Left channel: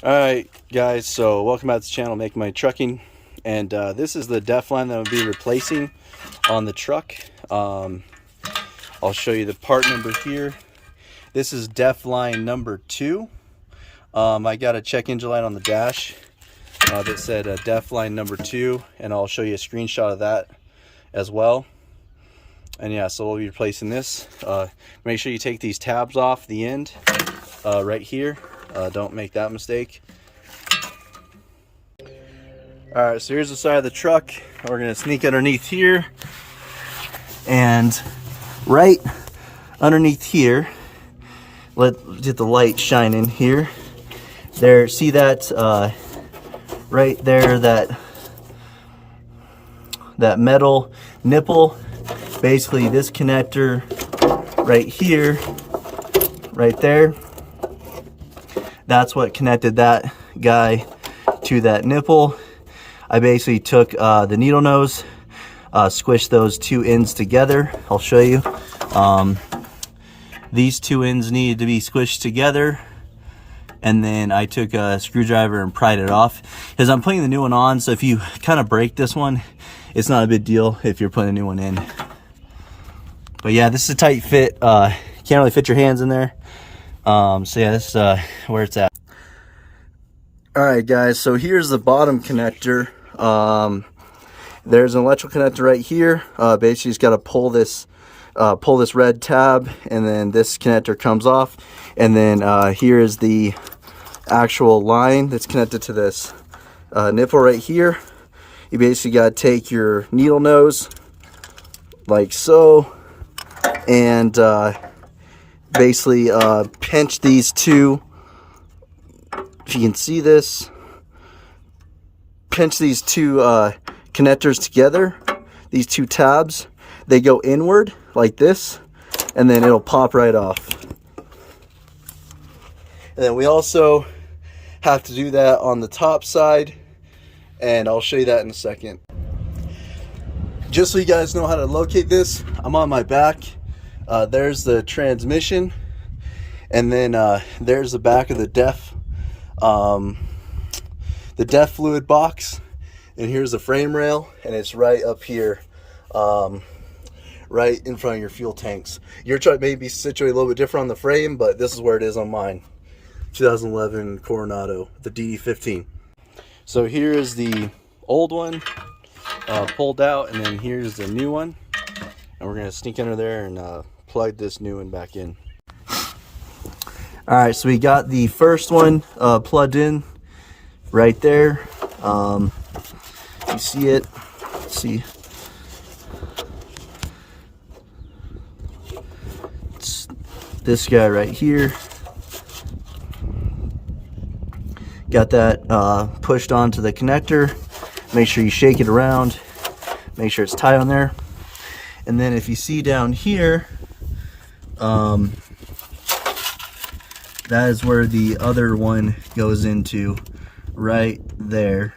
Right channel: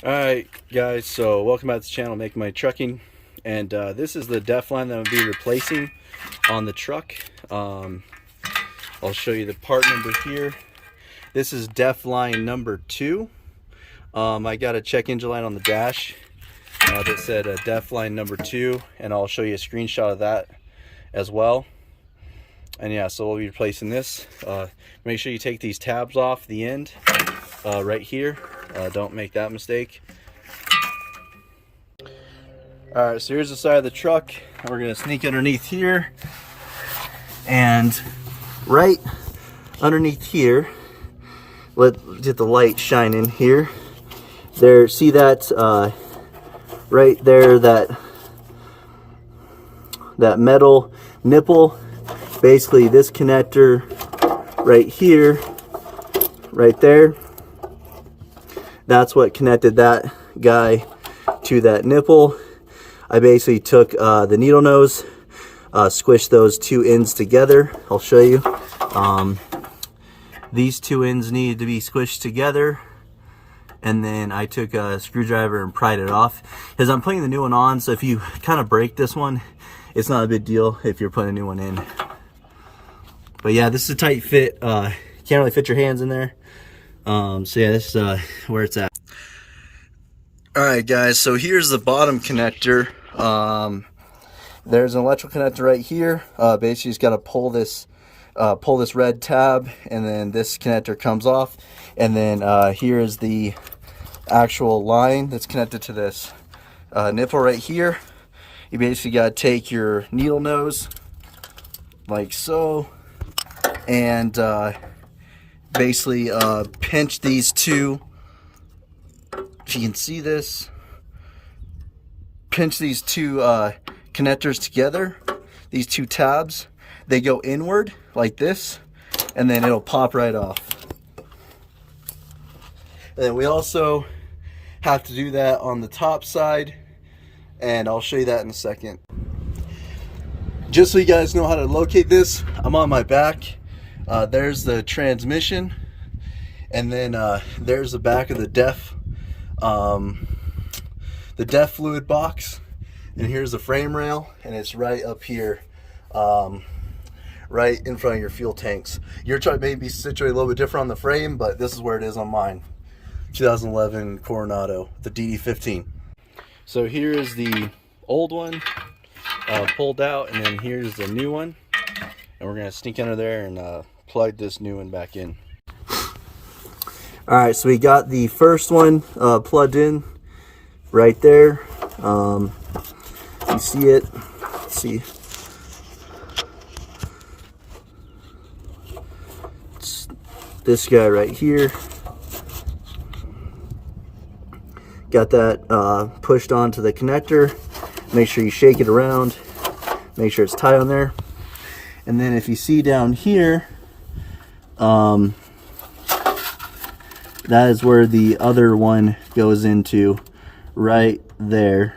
Alright guys, so welcome back to the channel, Making My Trucking, and this is the def line that I'll be replacing on the truck. I'll show you the part number here. This is def line number 2. I got a check engine light on the dash that said def line number 2, and I'll show you a screenshot of that as well. And yeah, so we'll be replacing this. Make sure you take these tabs off the end right here. Don't make that mistake. Alright, so here's the side of the truck. We're going to sneak underneath here. And right underneath here, let's get the light shining here. There, see that right there, that metal nipple? Basically this connector right here, right there, that's what connected that guy to that nipple. I basically took the needle nose, squished those two ends together. I'll show you. These two ends needed to be squished together, and then I took a screwdriver and pried it off because I'm putting the new one on. So if you kind of break this one, it's not a big deal if you're putting a new one in. But yeah, this is a tight fit. Can't really fit your hands in there. So yeah, this is where it's at. Alright guys, so here's the bottom connector. There's an electrical connector right here. Basically, just got to pull this red tab, and then this connector comes off. And then here is the actual line that's connected to this nipple right here. You basically got to take your needle nose like so, and basically pinch these two. If you can see this, pinch these two connectors together, these two tabs. They go inward like this, and then it'll pop right off. And then we also have to do that on the top side, and I'll show you that in a second. Just so you guys know how to locate this, I'm on my back. There's the transmission, and then there's the back of the def fluid box, and here's the frame rail, and it's right up here, right in front of your fuel tanks. Your truck may be situated a little bit different on the frame, but this is where it is on mine. 2011 Coronado, the DD15. So here is the old one pulled out, and then here's the new one, and we're gonna sneak under there and plug this new one back in. Alright, so we got the first one plugged in right there. You see it? Let's see. It's this guy right here. Got that pushed onto the connector. Make sure you shake it around. Make sure it's tight on there. And then if you see down here, that is where the other one goes into, right there.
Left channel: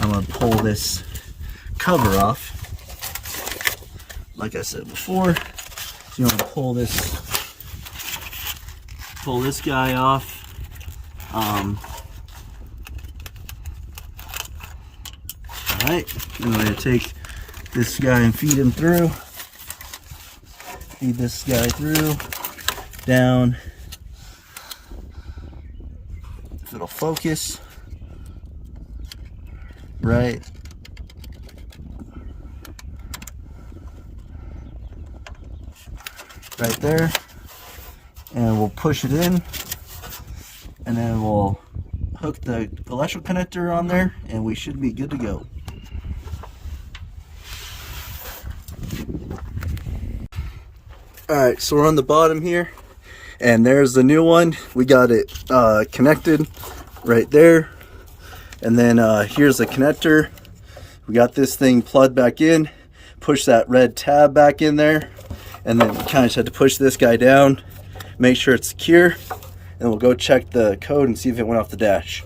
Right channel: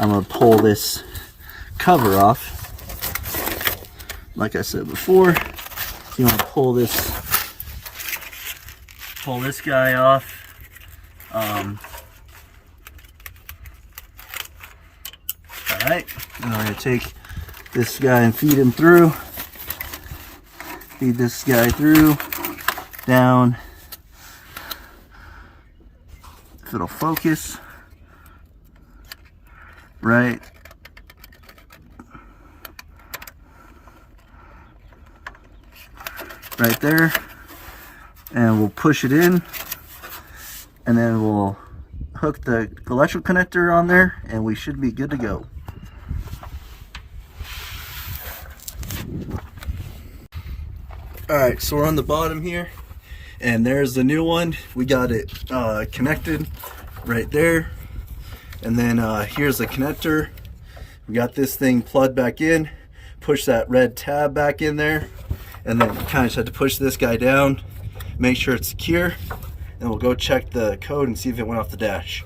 I'm going to pull this cover off. Like I said before, so you want to pull this guy off. Alright, and I'm going to take this guy and feed him through. Feed this guy through, down. If it'll focus, right there, and we'll push it in, and then we'll hook the electrical connector on there, and we should be good to go. Alright, so we're on the bottom here, and there's the new one. We got it connected right there, and then here's the connector. We got this thing plugged back in. Push that red tab back in there, and then you kind of just have to push this guy down, make sure it's secure, and we'll go check the code and see if it went off the dash.